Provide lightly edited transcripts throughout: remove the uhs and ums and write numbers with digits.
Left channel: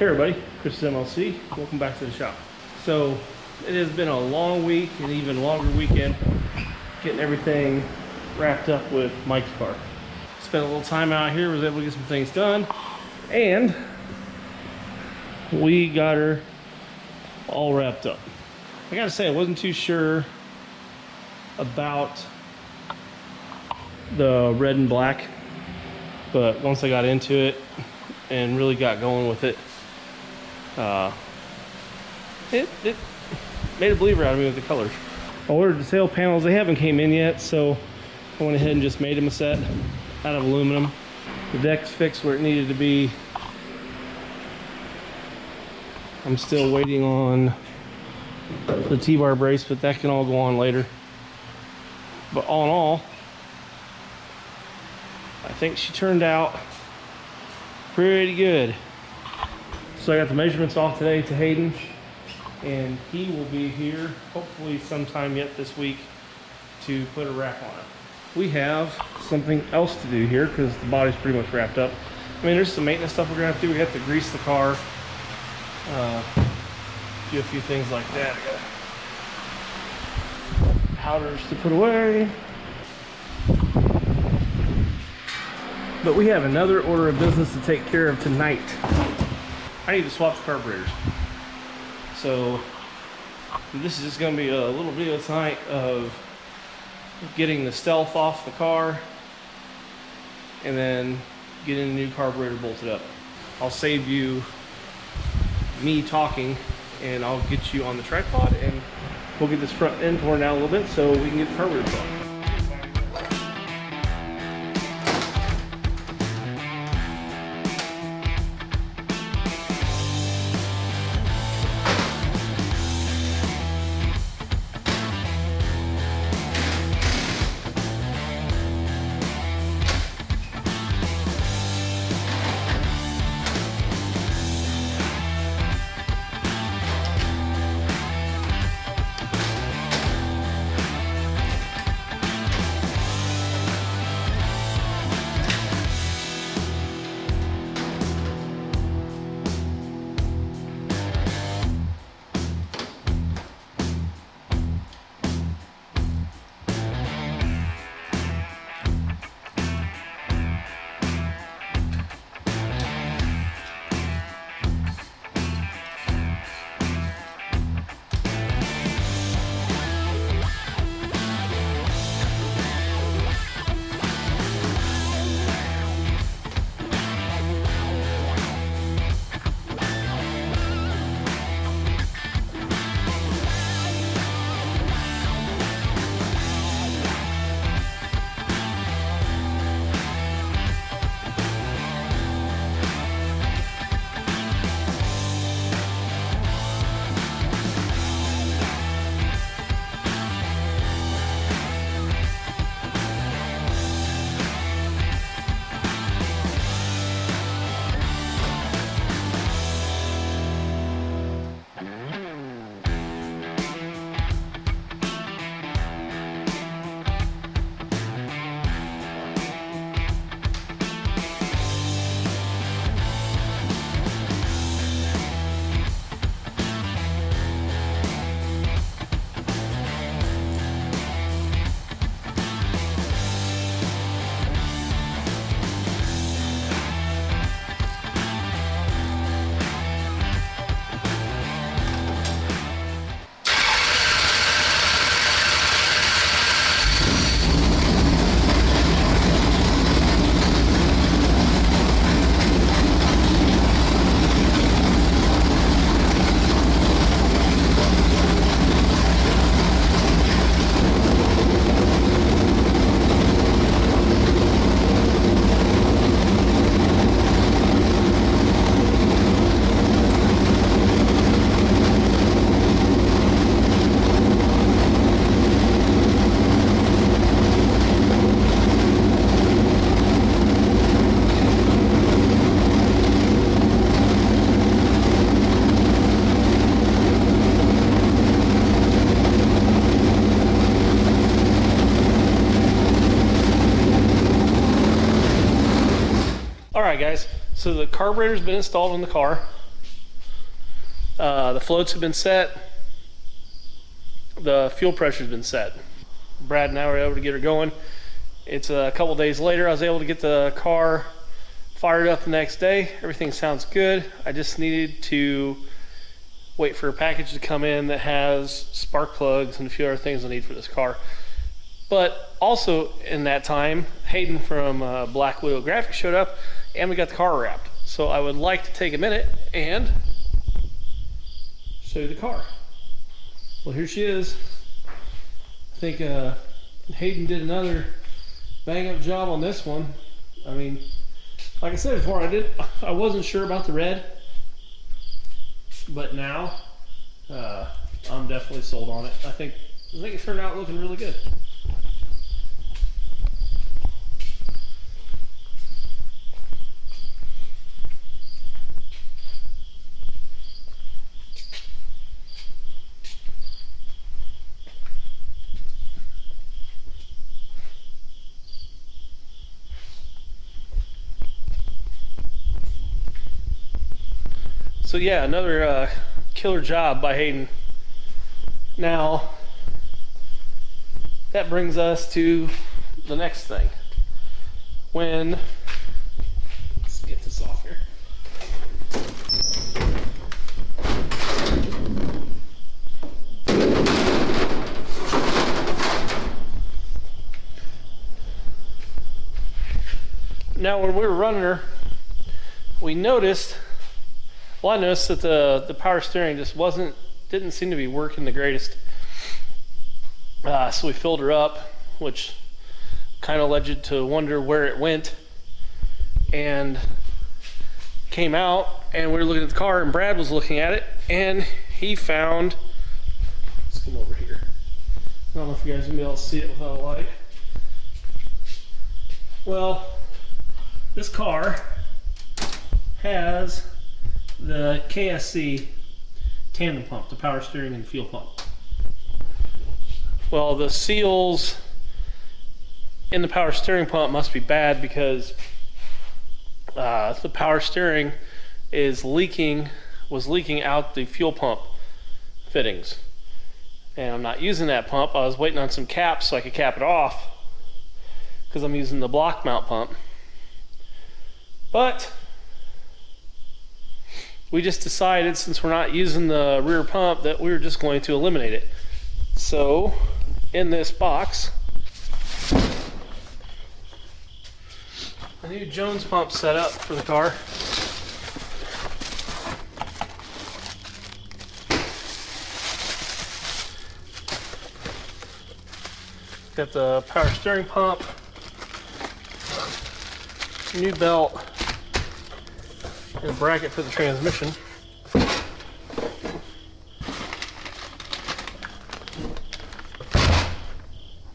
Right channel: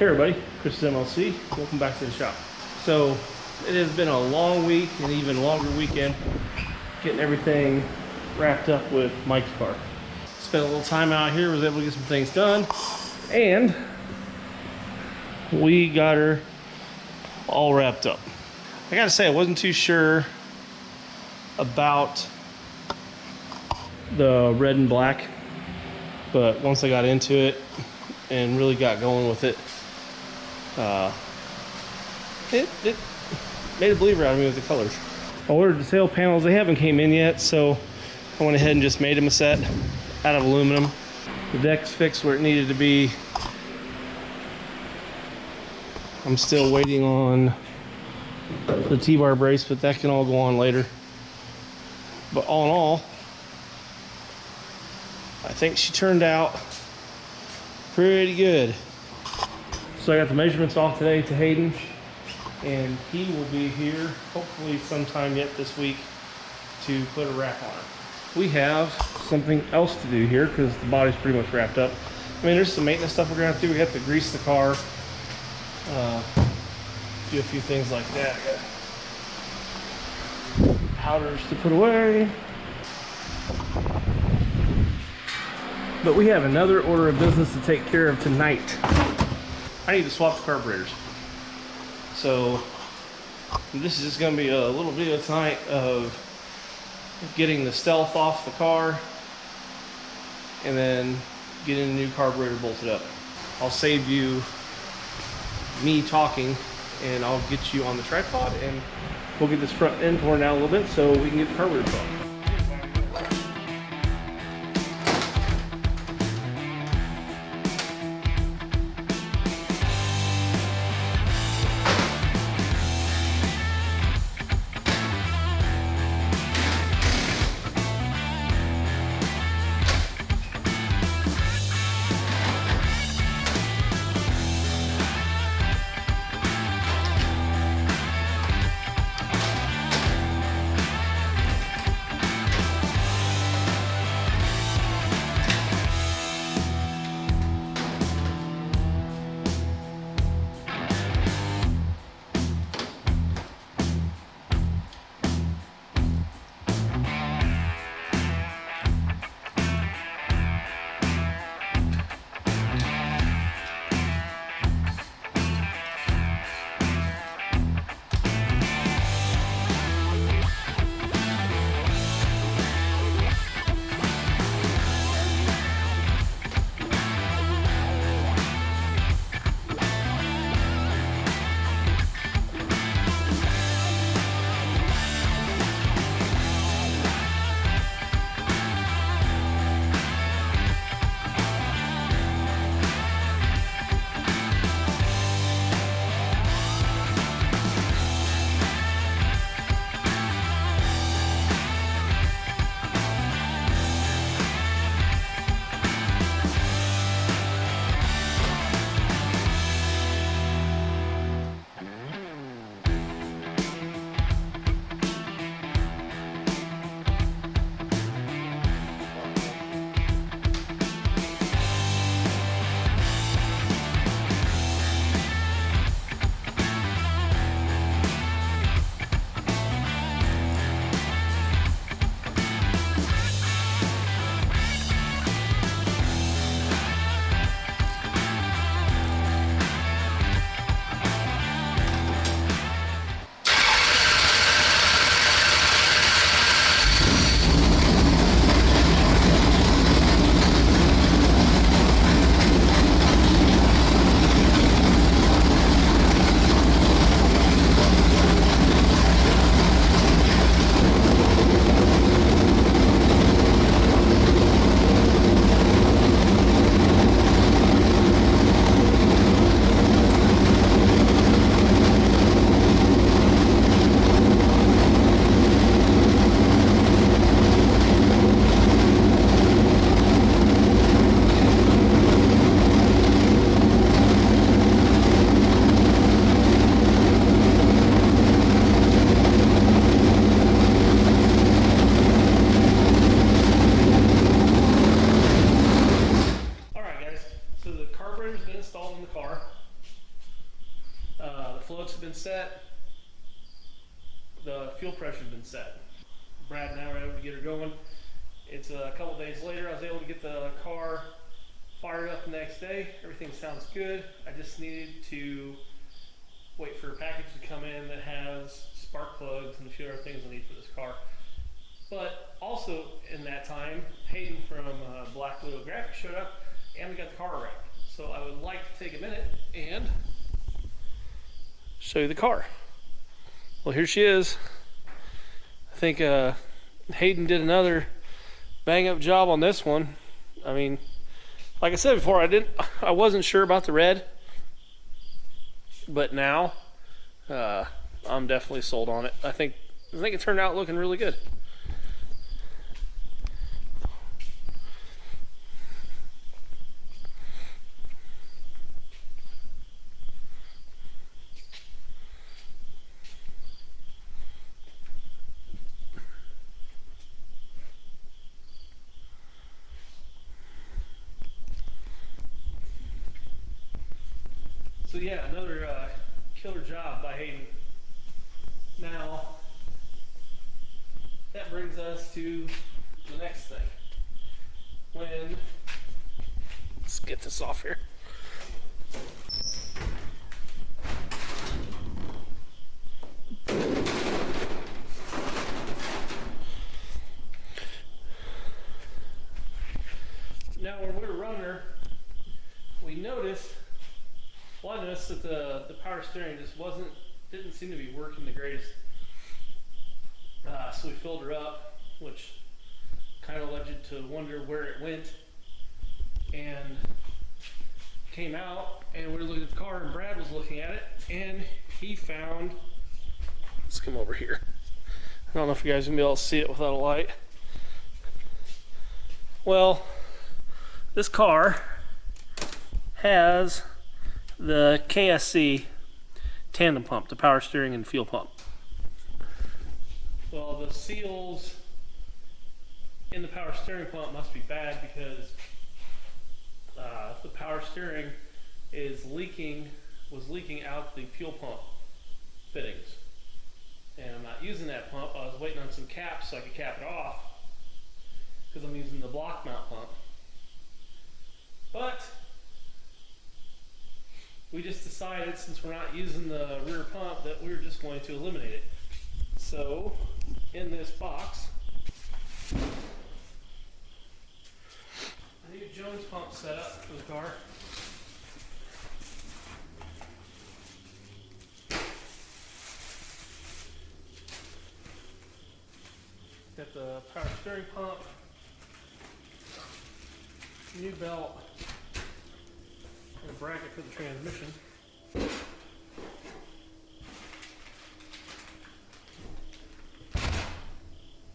Hey everybody, Chris MLC. Welcome back to the shop. So it has been a long week and even longer weekend getting everything wrapped up with Mike's car. Spent a little time out here, was able to get some things done, and we got her all wrapped up. I gotta say, I wasn't too sure about the red and black, but once I got into it and really got going with it, it made a believer out of me with the colors. I ordered the sail panels. They haven't came in yet, so I went ahead and just made them a set out of aluminum. The deck's fixed where it needed to be. I'm still waiting on the T-bar brace, but that can all go on later. But all in all, I think she turned out pretty good. So I got the measurements off today to Hayden, and he will be here hopefully sometime yet this week to put a wrap on it. We have something else to do here because the body's pretty much wrapped up. I mean, there's some maintenance stuff we're gonna have to do. We have to grease the car, do a few things like that. I got powders to put away. But we have another order of business to take care of tonight. I need to swap the carburetors. So this is just gonna be a little video tonight of getting the stealth off the car and then getting a new carburetor bolted up. I'll save you me talking and I'll get you on the tripod and we'll get this front end torn out a little bit so we can get the carburetor off. So the carburetor's been installed in the car. The floats have been set. The fuel pressure's been set. Brad and I were able to get her going. It's a couple days later. I was able to get the car fired up the next day. Everything sounds good. I just needed to wait for a package to come in that has spark plugs and a few other things I need for this car. But also in that time, Hayden from Black Widow Graphics showed up and we got the car wrapped. So I would like to take a minute and show you the car. Well, here she is. I think Hayden did another bang up job on this one. I mean, like I said before, I wasn't sure about the red, but now I'm definitely sold on it. I think it turned out looking really good. So yeah, another killer job by Hayden. Now, that brings us to the next thing. Let's get this off here. Now, when we were running her, I noticed that the power steering just didn't seem to be working the greatest. So we filled her up, which kind of led you to wonder where it went. And came out, and we were looking at the car, and Brad was looking at it, and he found, let's come over here. I don't know if you guys are gonna be able to see it without a light. Well, this car has the KSC tandem pump, the power steering and fuel pump. Well, the seals in the power steering pump must be bad because the power steering was leaking out the fuel pump fittings. And I'm not using that pump. I was waiting on some caps so I could cap it off because I'm using the block mount pump. But we just decided, since we're not using the rear pump, that we were just going to eliminate it. So, in this box, a new Jones pump set up for the car. Got the power steering pump, new belt, and a bracket for the transmission.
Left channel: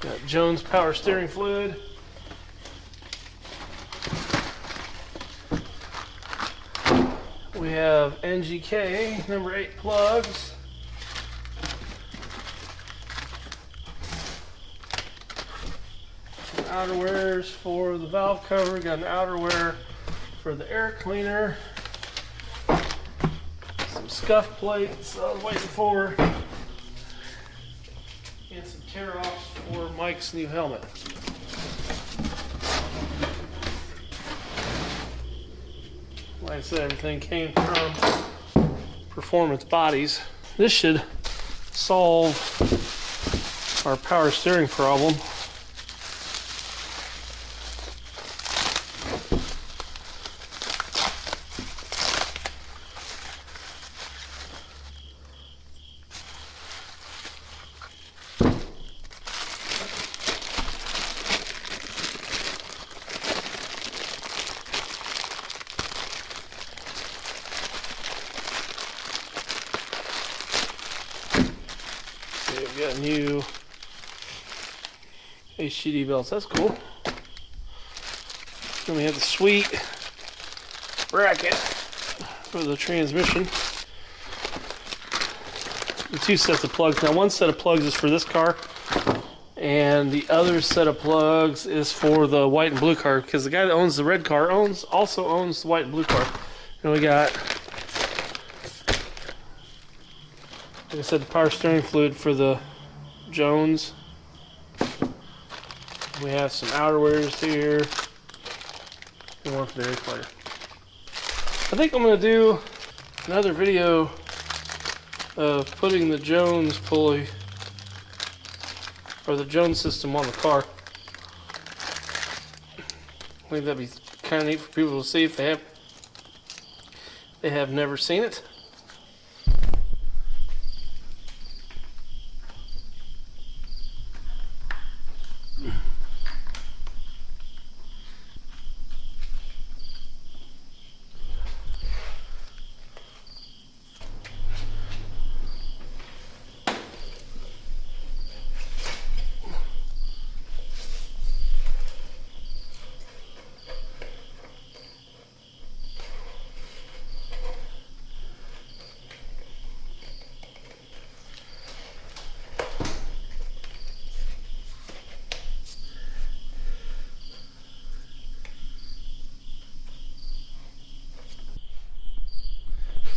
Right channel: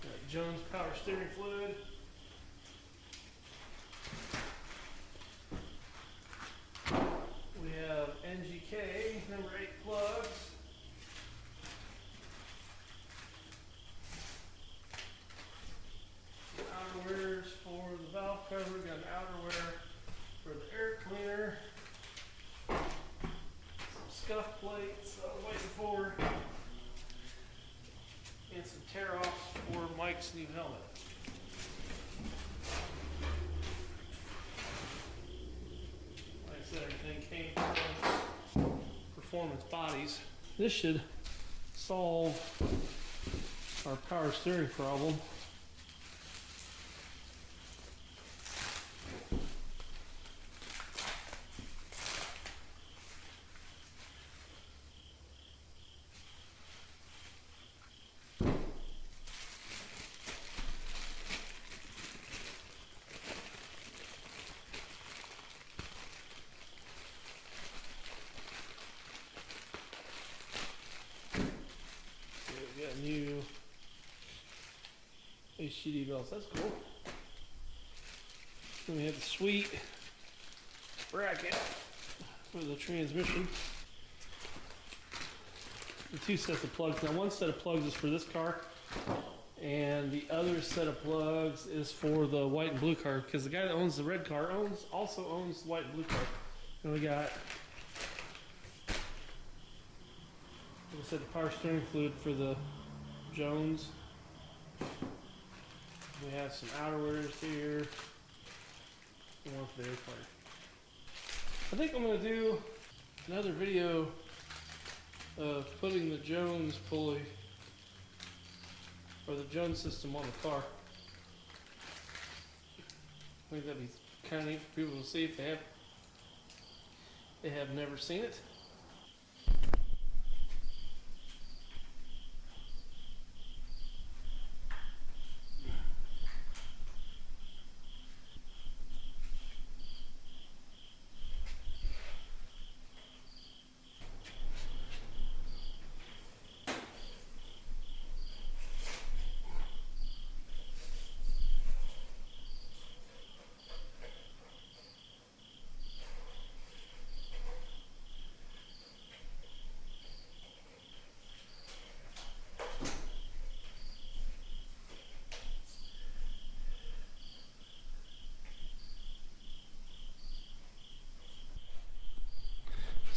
Got Jones power steering fluid. We have NGK number 8 plugs. Outerwears for the valve cover. Got an outerwear for the air cleaner. Some scuff plates I was waiting for. And some tear-offs for Mike's new helmet. Like I said, everything came from Performance Bodies. This should solve our power steering problem. We've got new HDD belts, that's cool. Then we have the sweet bracket for the transmission. The 2 sets of plugs. Now, one set of plugs is for this car, and the other set of plugs is for the white and blue car, because the guy that owns the red car also owns the white and blue car. And we got Like I said, the power steering fluid for the Jones. We have some outerwears here. And one for the air fighter. I think I'm going to do another video of putting the Jones pulley or the Jones system on the car. I think that'd be kind of neat for people to see if they have never seen it.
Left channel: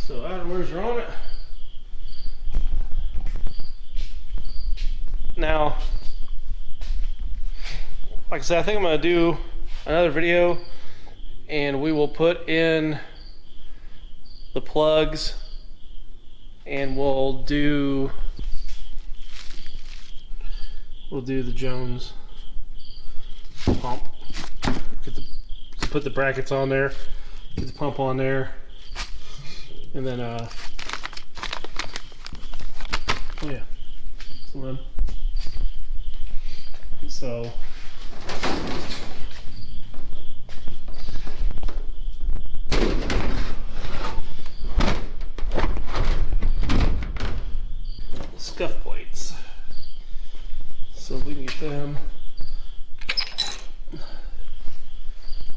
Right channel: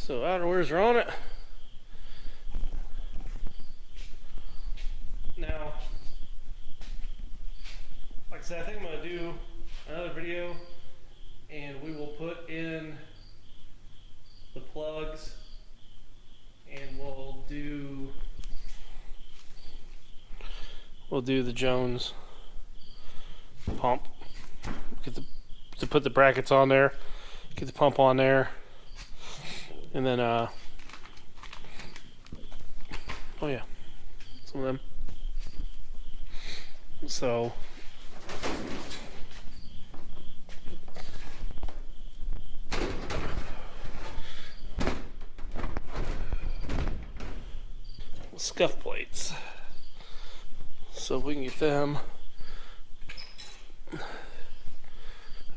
So outerwears are on it. Now, like I said, I think I'm going to do another video and we will put in the plugs and we'll do the Jones pump. Put the brackets on there, get the pump on there. And then, oh yeah, some of them. So, scuff plates. So if we can get them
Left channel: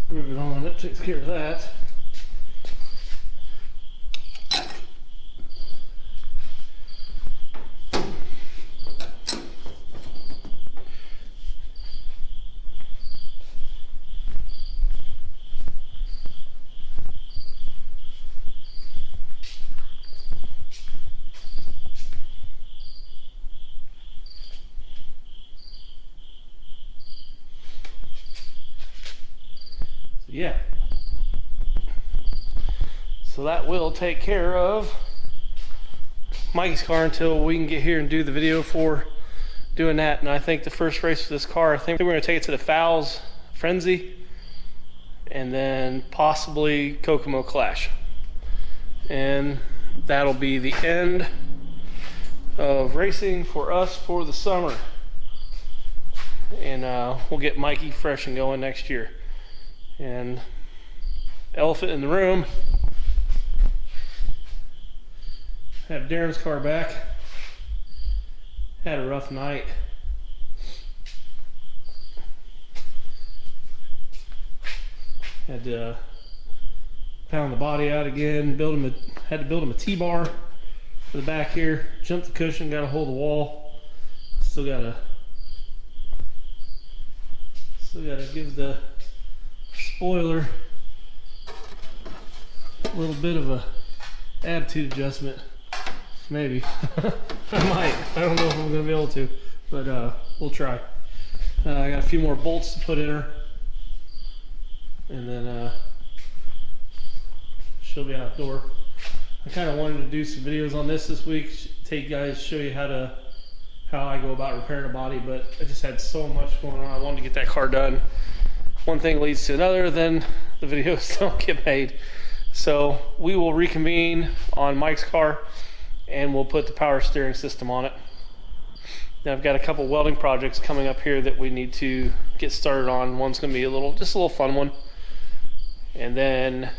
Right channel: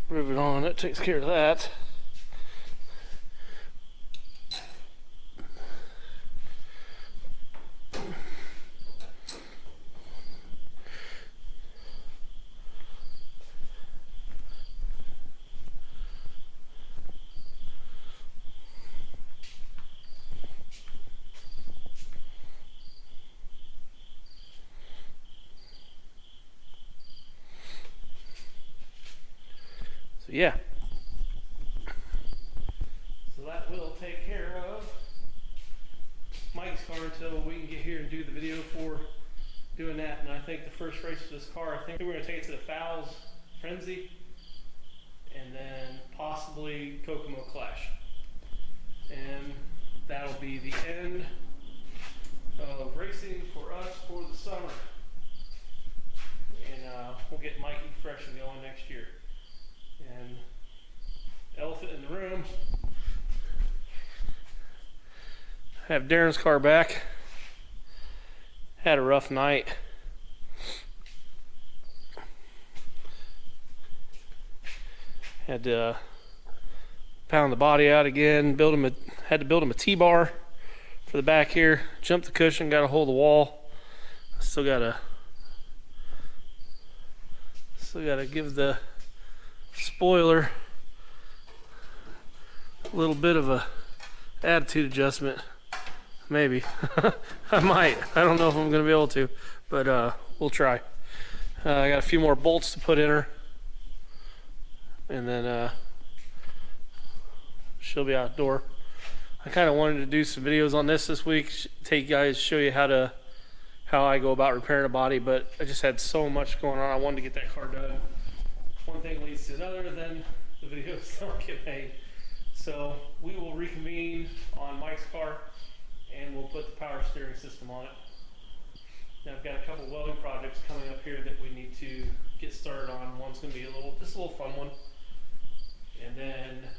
riveted on, that takes care of that. Yeah, so that will take care of Mikey's car until we can get here and do the video for doing that. And I think the first race for this car, I think we're going to take it to the Fowles Frenzy and then possibly Kokomo Clash, and that'll be the end of racing for us for the summer. And we'll get Mikey fresh and going next year. And elephant in the room, have Darren's car back. Had a rough night. Had to pound the body out again, had to build him a T-bar for the back here, jumped the cushion, got a hold of the wall. Still gotta give the spoiler a little bit of a attitude adjustment, maybe. I might. I don't know if I'm gonna be able to, but we'll try. I got a few more bolts to put in her, and then she'll be outdoor. I kind of wanted to do some videos on this week, show you how I go about repairing a body, but I just had so much going on. I wanted to get that car done. One thing leads to another, then the videos don't get made. So we will reconvene on Mike's car and we'll put the power steering system on it. Now I've got a couple welding projects coming up here that we need to get started on. One's gonna be just a little fun one. And then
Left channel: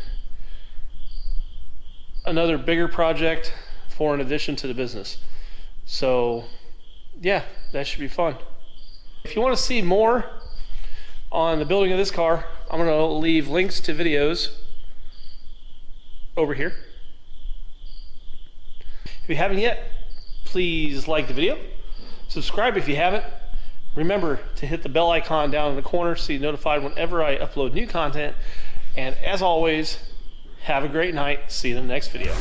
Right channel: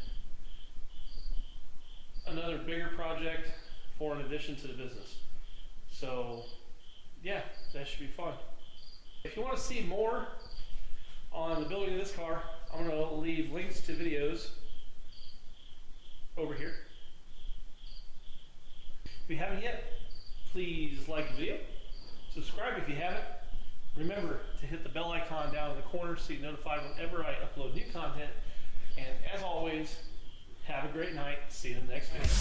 another bigger project for an addition to the business. So yeah, that should be fun. If you want to see more on the building of this car, I'm going to leave links to videos over here. If you haven't yet, please like the video, subscribe if you haven't. Remember to hit the bell icon down in the corner so you're notified whenever I upload new content. And as always, have a great night. See you in the next video.